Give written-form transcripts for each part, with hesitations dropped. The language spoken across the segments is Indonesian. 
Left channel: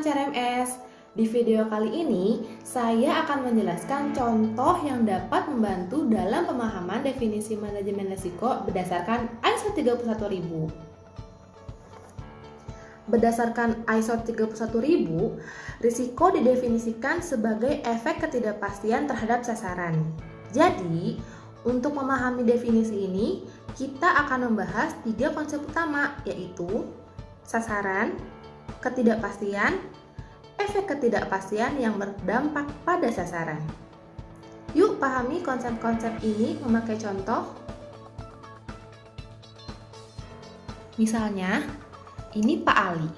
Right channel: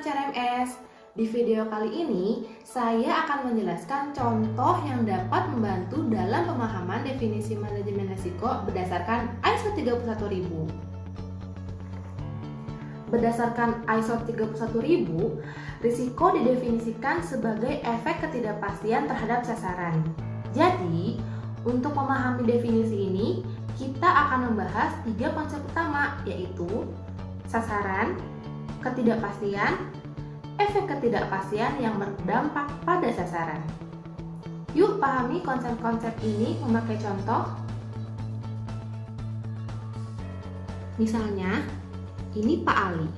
teman-teman CRMS. Di video kali ini, saya akan menjelaskan contoh yang dapat membantu dalam pemahaman definisi manajemen risiko berdasarkan ISO 31000. Berdasarkan ISO 31000, risiko didefinisikan sebagai efek ketidakpastian terhadap sasaran. Jadi, untuk memahami definisi ini, kita akan membahas 3 konsep utama, yaitu sasaran, ketidakpastian, efek ketidakpastian yang berdampak pada sasaran. Yuk pahami konsep-konsep ini memakai contoh. Misalnya, ini Pak Ali.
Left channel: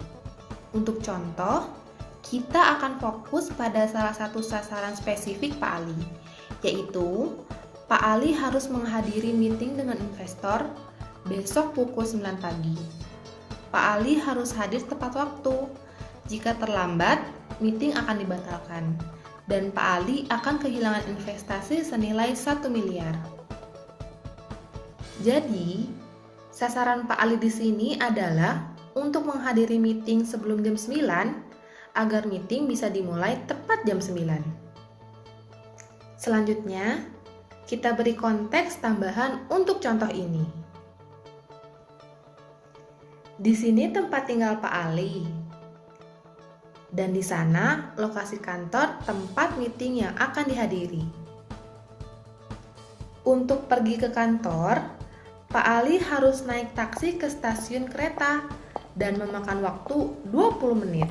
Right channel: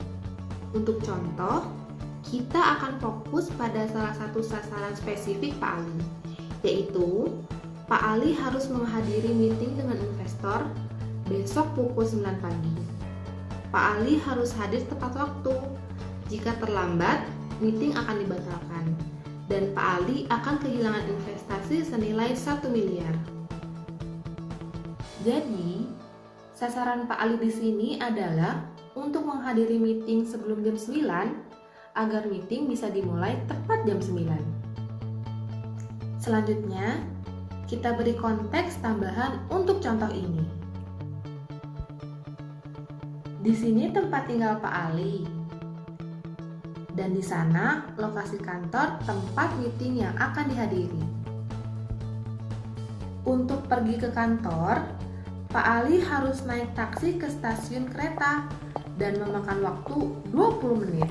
Untuk contoh, kita akan fokus pada salah satu sasaran spesifik Pak Ali, yaitu Pak Ali harus menghadiri meeting dengan investor besok pukul 9 pagi. Pak Ali harus hadir tepat waktu. Jika terlambat, meeting akan dibatalkan dan Pak Ali akan kehilangan investasi senilai 1 miliar. Jadi, sasaran Pak Ali di sini adalah untuk menghadiri meeting sebelum jam 9 agar meeting bisa dimulai tepat jam 9. Selanjutnya, kita beri konteks tambahan untuk contoh ini. Di sini tempat tinggal Pak Ali. Dan di sana lokasi kantor tempat meeting yang akan dihadiri. Untuk pergi ke kantor, Pak Ali harus naik taksi ke stasiun kereta dan memakan waktu 20 menit.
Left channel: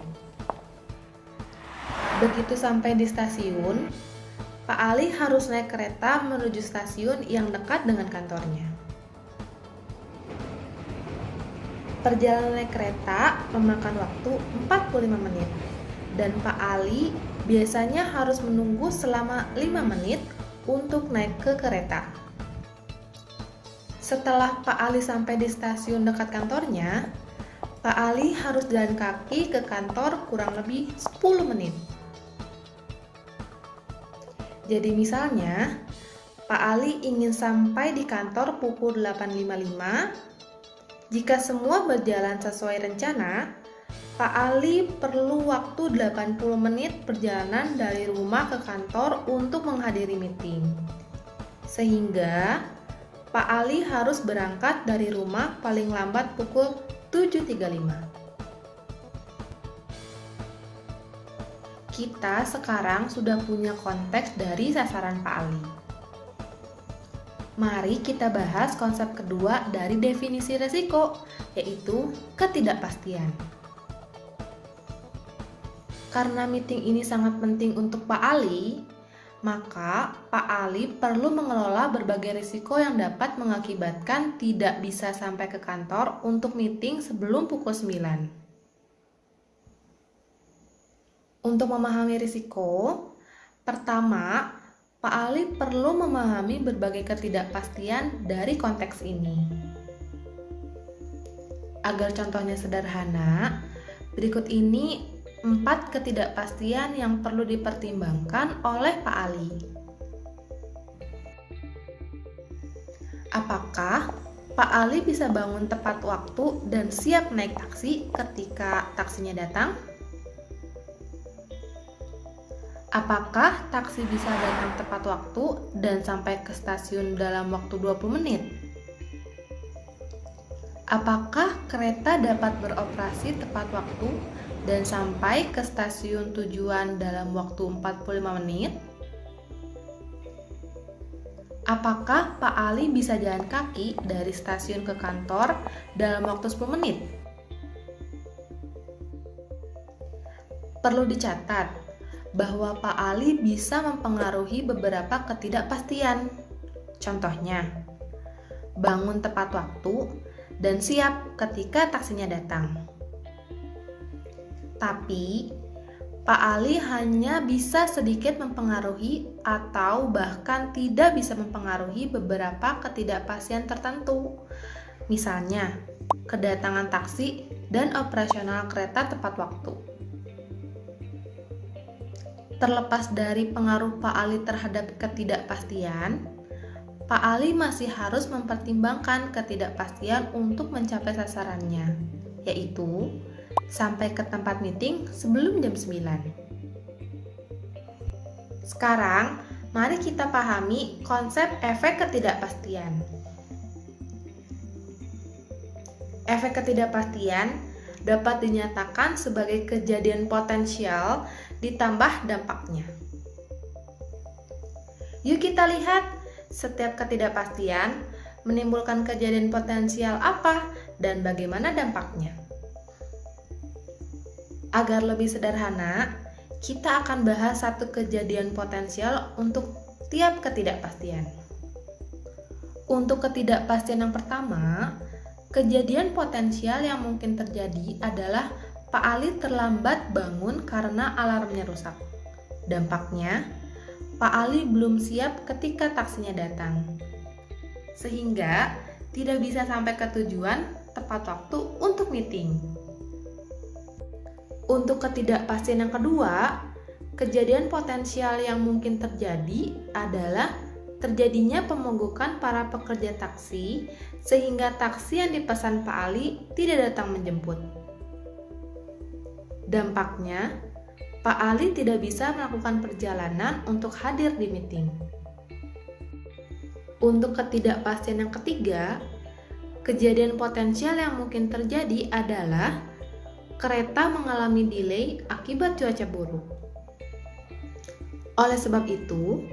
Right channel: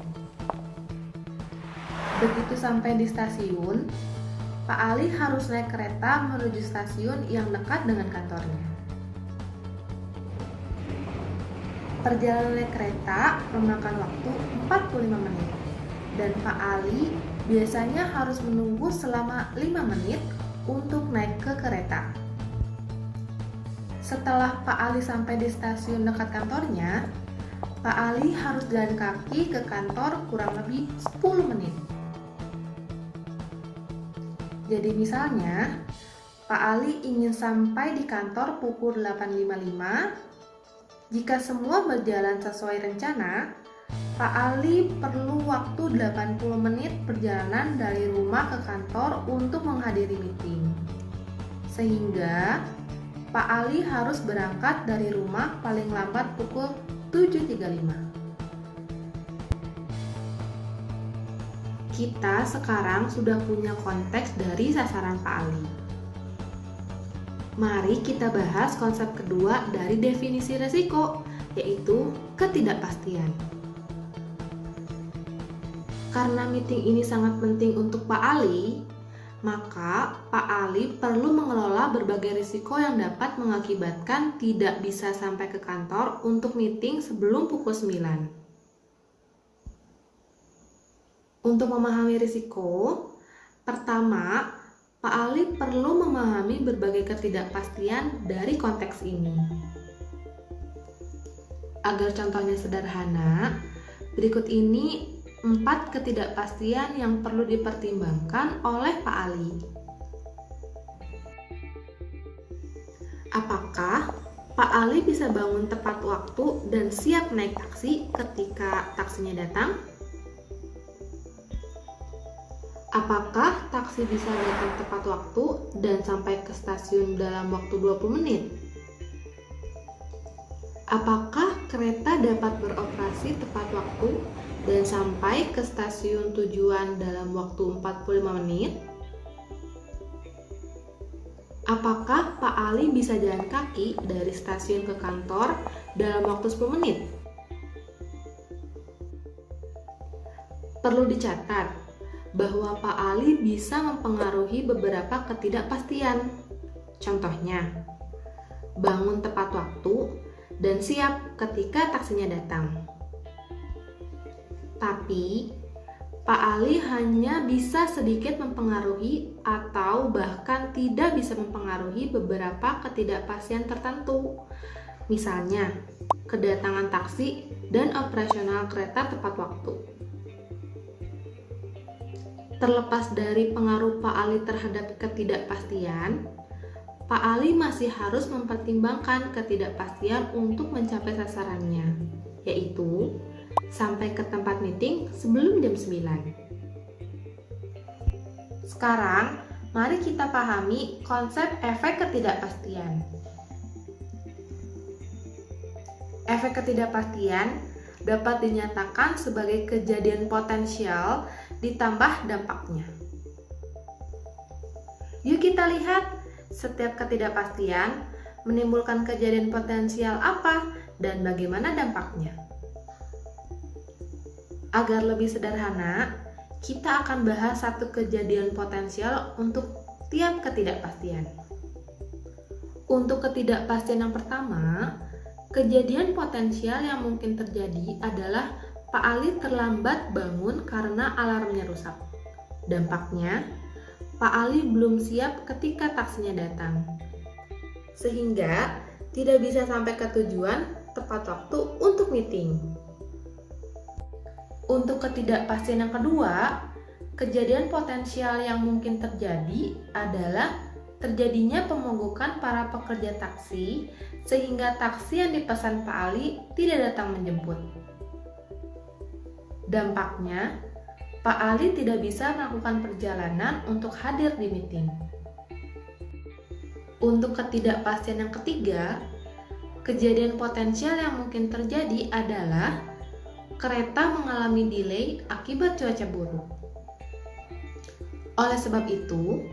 Begitu sampai di stasiun, Pak Ali harus naik kereta menuju stasiun yang dekat dengan kantornya. Perjalanan naik kereta memakan waktu 45 menit. Dan Pak Ali biasanya harus menunggu selama 5 menit untuk naik ke kereta. Setelah Pak Ali sampai di stasiun dekat kantornya, Pak Ali harus jalan kaki ke kantor kurang lebih 10 menit. Jadi misalnya, Pak Ali ingin sampai di kantor pukul 8.55. Jika semua berjalan sesuai rencana, Pak Ali perlu waktu 80 menit perjalanan dari rumah ke kantor untuk menghadiri meeting. Sehingga Pak Ali harus berangkat dari rumah paling lambat pukul 7.35. Kita sekarang sudah punya konteks dari sasaran Pak Ali. Mari kita bahas konsep kedua dari definisi risiko, yaitu ketidakpastian. Karena meeting ini sangat penting untuk Pak Ali, maka Pak Ali perlu mengelola berbagai risiko yang dapat mengakibatkan tidak bisa sampai ke kantor untuk meeting sebelum pukul 9. Untuk memahami risiko, pertama, Pak Ali perlu memahami berbagai ketidakpastian dari konteks ini. Agar contohnya sederhana, berikut ini 4 ketidakpastian yang perlu dipertimbangkan oleh Pak Ali. Apakah Pak Ali bisa bangun tepat waktu dan siap naik taksi ketika taksinya datang? Apakah taksi bisa datang tepat waktu dan sampai ke stasiun dalam waktu 20 menit? Apakah kereta dapat beroperasi tepat waktu dan sampai ke stasiun tujuan dalam waktu 45 menit? Apakah Pak Ali bisa jalan kaki dari stasiun ke kantor dalam waktu 10 menit? Perlu dicatat bahwa Pak Ali bisa mempengaruhi beberapa ketidakpastian. Contohnya, bangun tepat waktu dan siap ketika taksinya datang. Tapi, Pak Ali hanya bisa sedikit mempengaruhi atau bahkan tidak bisa mempengaruhi beberapa ketidakpastian tertentu. Misalnya, kedatangan taksi dan operasional kereta tepat waktu. Terlepas dari pengaruh Pak Ali terhadap ketidakpastian, Pak Ali masih harus mempertimbangkan ketidakpastian untuk mencapai sasarannya, yaitu sampai ke tempat meeting sebelum jam 9. Sekarang, mari kita pahami konsep efek ketidakpastian. Efek ketidakpastian dapat dinyatakan sebagai kejadian potensial ditambah dampaknya. Yuk kita lihat setiap ketidakpastian menimbulkan kejadian potensial apa dan bagaimana dampaknya. Agar lebih sederhana, kita akan bahas satu kejadian potensial untuk tiap ketidakpastian. Untuk ketidakpastian yang pertama, kejadian potensial yang mungkin terjadi adalah Pak Ali terlambat bangun karena alarmnya rusak. Dampaknya, Pak Ali belum siap ketika taksinya datang, sehingga tidak bisa sampai ke tujuan tepat waktu untuk meeting. Untuk ketidakpastian yang kedua, kejadian potensial yang mungkin terjadi adalah terjadinya pemogokan para pekerja taksi sehingga taksi yang dipesan Pak Ali tidak datang menjemput. Dampaknya, Pak Ali tidak bisa melakukan perjalanan untuk hadir di meeting. Untuk ketidakpastian yang ketiga, kejadian potensial yang mungkin terjadi adalah kereta mengalami delay akibat cuaca buruk. Oleh sebab itu,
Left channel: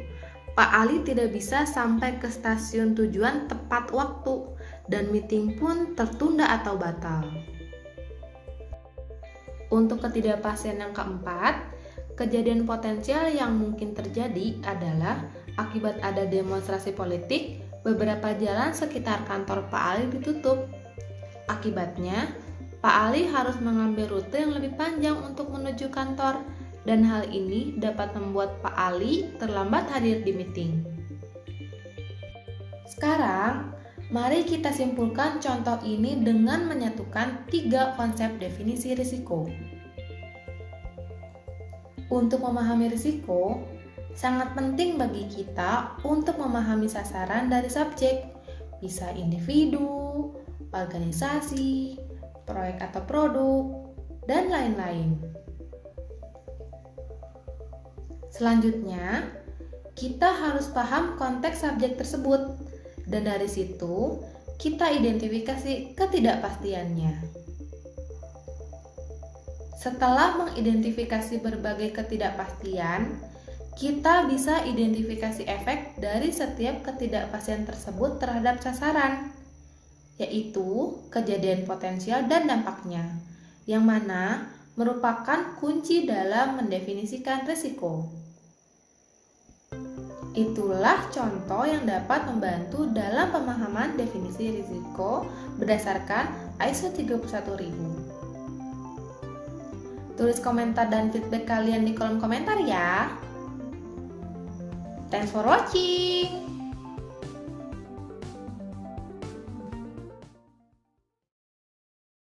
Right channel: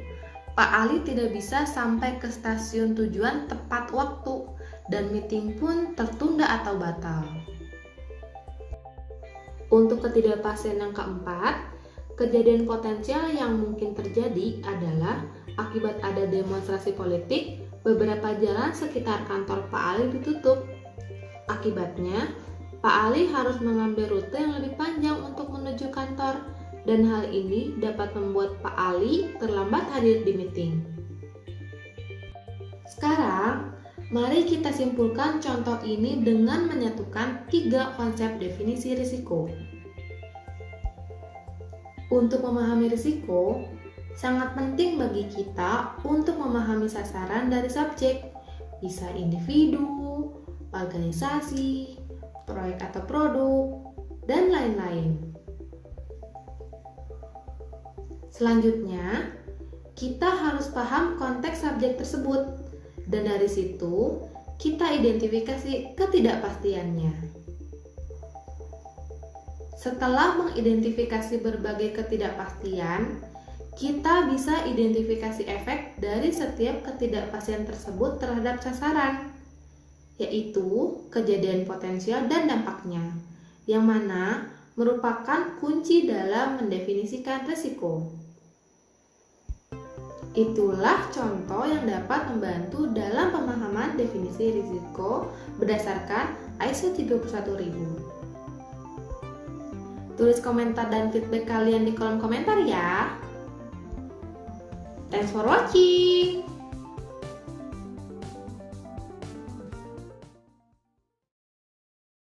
Pak Ali tidak bisa sampai ke stasiun tujuan tepat waktu dan meeting pun tertunda atau batal. Untuk ketidakpastian yang keempat, kejadian potensial yang mungkin terjadi adalah akibat ada demonstrasi politik, beberapa jalan sekitar kantor Pak Ali ditutup. Akibatnya, Pak Ali harus mengambil rute yang lebih panjang untuk menuju kantor, dan hal ini dapat membuat Pak Ali terlambat hadir di meeting. Sekarang, mari kita simpulkan contoh ini dengan menyatukan 3 konsep definisi risiko. Untuk memahami risiko, sangat penting bagi kita untuk memahami sasaran dari subjek, bisa individu, organisasi, proyek atau produk, dan lain-lain. Selanjutnya, kita harus paham konteks subjek tersebut, dan dari situ kita identifikasi ketidakpastiannya. Setelah mengidentifikasi berbagai ketidakpastian, kita bisa identifikasi efek dari setiap ketidakpastian tersebut terhadap sasaran, yaitu kejadian potensial dan dampaknya, yang mana merupakan kunci dalam mendefinisikan risiko. Itulah contoh yang dapat membantu dalam pemahaman definisi risiko berdasarkan ISO 31000. Tulis komentar dan feedback kalian di kolom komentar ya. Thanks for watching.